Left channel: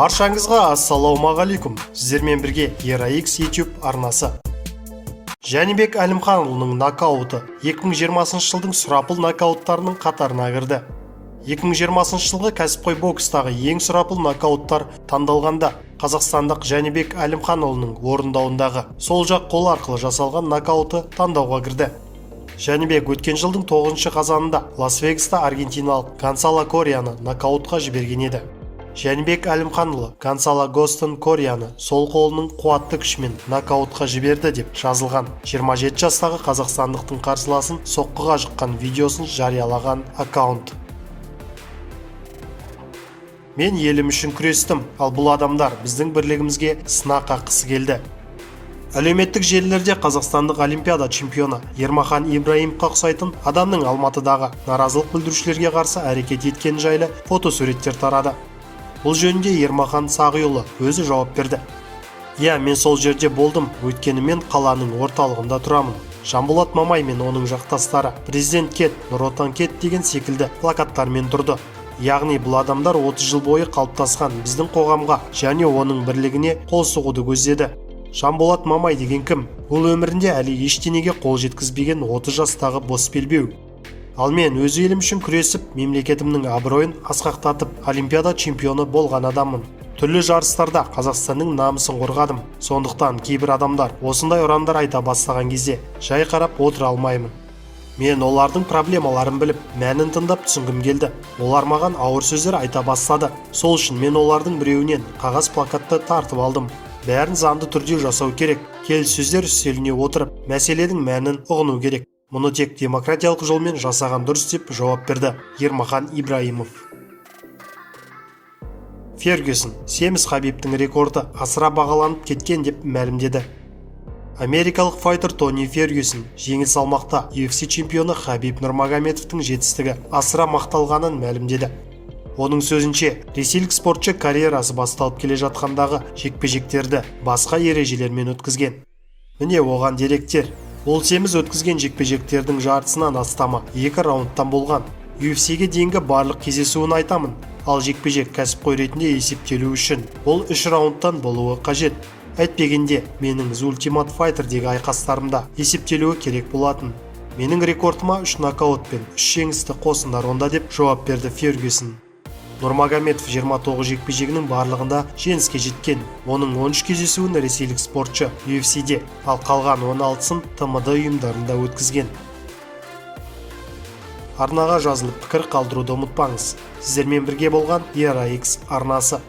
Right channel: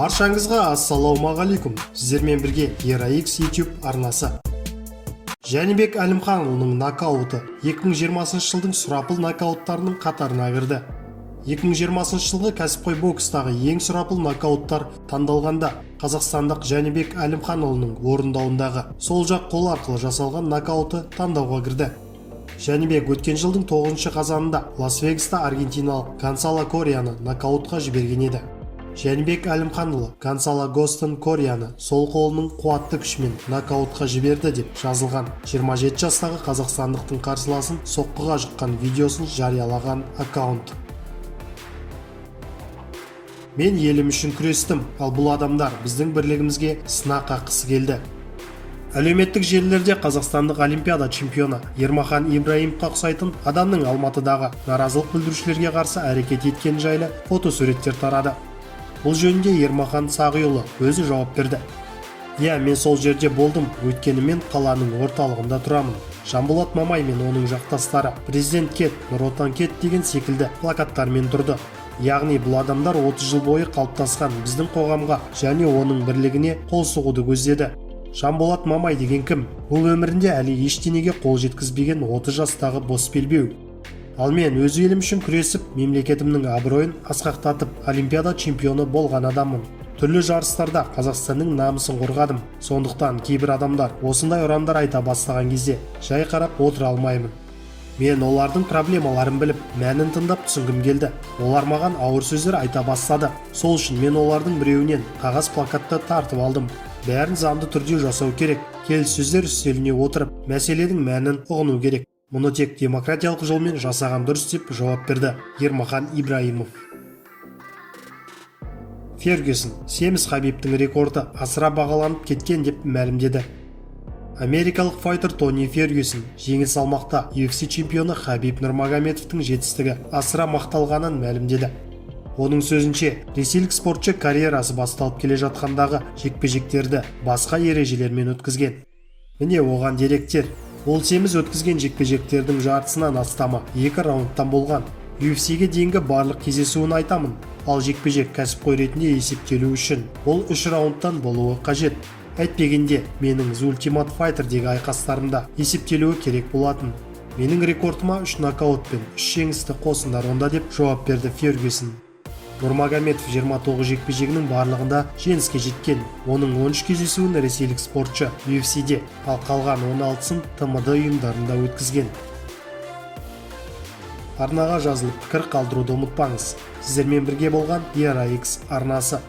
Баршаңызға ассалаумағалейкум. Сіздермен бірге ERA-X YouTube арнасы. Жәнібек Әлімханұлының нокауты 2020 жылдың сұрапыл нокауттарының қатарына кірді. 2020 жылғы кәсіпқой бокстағы ең сұрапыл нокауттар таңдалғанда қазақстандық Жәнібек Әлімханұлының орындауындағы сол жақ қол арқылы жасалған нокауты таңдауға кірді. Жәнібек өткен жылдың 9 қазанында Лас-Вегаста аргентиналық Гонсало Корияны нокаутқа жіберген еді. Жәнібек Әлімханұлы Гонсало Гостон Корияны сол қолының қуатты күшімен нокаутқа жіберді деп жазылған 27 жастағы қазақстандықтың қарсыласын соққыға жыққан видеосын жариялаған аккаунт. Мен елім үшін күрестім, ал бұл адамдар біздің бірлігімізге сынақ қаққысы келді. Әлеуметтік желілерде қазақстандық олимпиада чемпионы Ермахан Ибраимовқа ұқсайтын адамның Алматыдағы наразылық білдірушілерге қарсы әрекет еткені жайлы фотосуреттер тарады. Бұл жөнінде Ермахан Сағиұлы өзі жауап берді. Иә, мен сол жерде болдым, өйткені мен қаланың орталығында тұрамын. Жанболат Мамай мен оның жақтастары президент кет, Нұр Отан кет деген секілді плакаттармен тұрды. Яғни бұл адамдар 30 жыл бойы қалыптасқан біздің қоғамға және оның бірлігіне қол сұғуды көздеді. Жанболат Мамай деген кім? Ол өмірінде әлі ештеңеге қол жеткізбеген 30 жастағы бос белбеу. Ал мен өз елім үшін күресіп, мемлекетімнің абыройын асқақтатып, олимпиада чемпионы болған адаммын. Түрлі жарыстарда Қазақстанның намысын қорғадым. Сондықтан кейбір адамдар осындай ұрандар айта бастаған кезде жай қарап отыра алмаймын. Мен олардың проблемаларын біліп, мәнін тыңдап түсінгім келді. Олар маған ауыр сөздер айта бастады. Сол үшін мен олардың біреуінен қағаз плакатты тартып алдым. Бәрін заңды түрде жасау керек. Келіссөздер үстеліне отырып, мәселенің мәнін ұғыну керек. Мұны тек демократиялық жолмен жасаған дұрыс деп жауап берді Ермахан Ибраимов. Фергюсон, семіз Хабибтің рекорды асыра бағаланып кеткен деп мәлімдеді. Америкалық файтер Тони Фергюсон жеңіл салмақта UFC чемпионы Хабиб Нурмагомедовтың жетістігі асыра мақталғанын мәлімдеді. Оның сөзінше, ресейлік спортшы карьерасы басталып келе жатқандағы жекпе-жектерді басқа ережелермен өткізген. Міне оған деректер. Ол семіз өткізген жекпе-жектердің жартысынан астамы 2 раундтан болған. UFC-ге дейінгі барлық кездесуін айтамын, ал жекпе-жек кәсіпқой ретінде есептелу үшін ол 3 раундтан болуы қажет. Әйтпегенде, менің The Ultimate Fighter'дегі айқастарымда есептелуі керек болатын. Менің рекордыма 3 нокаут пен 3 жеңісті қосыңдар онда деп жауап берді Фергюсон. Нурмагомедов 29 жекпе-жегінің барлығында жеңіске жеткен. Оның 13 кездесуін ресейлік спортшы UFC-де, ал қалған 16-сын TMD ұйымдарында өткізген. Арнаға жазылып пікір қалдыруды ұмытпаңыз. Сіздермен бірге болған ERA-X арнасы.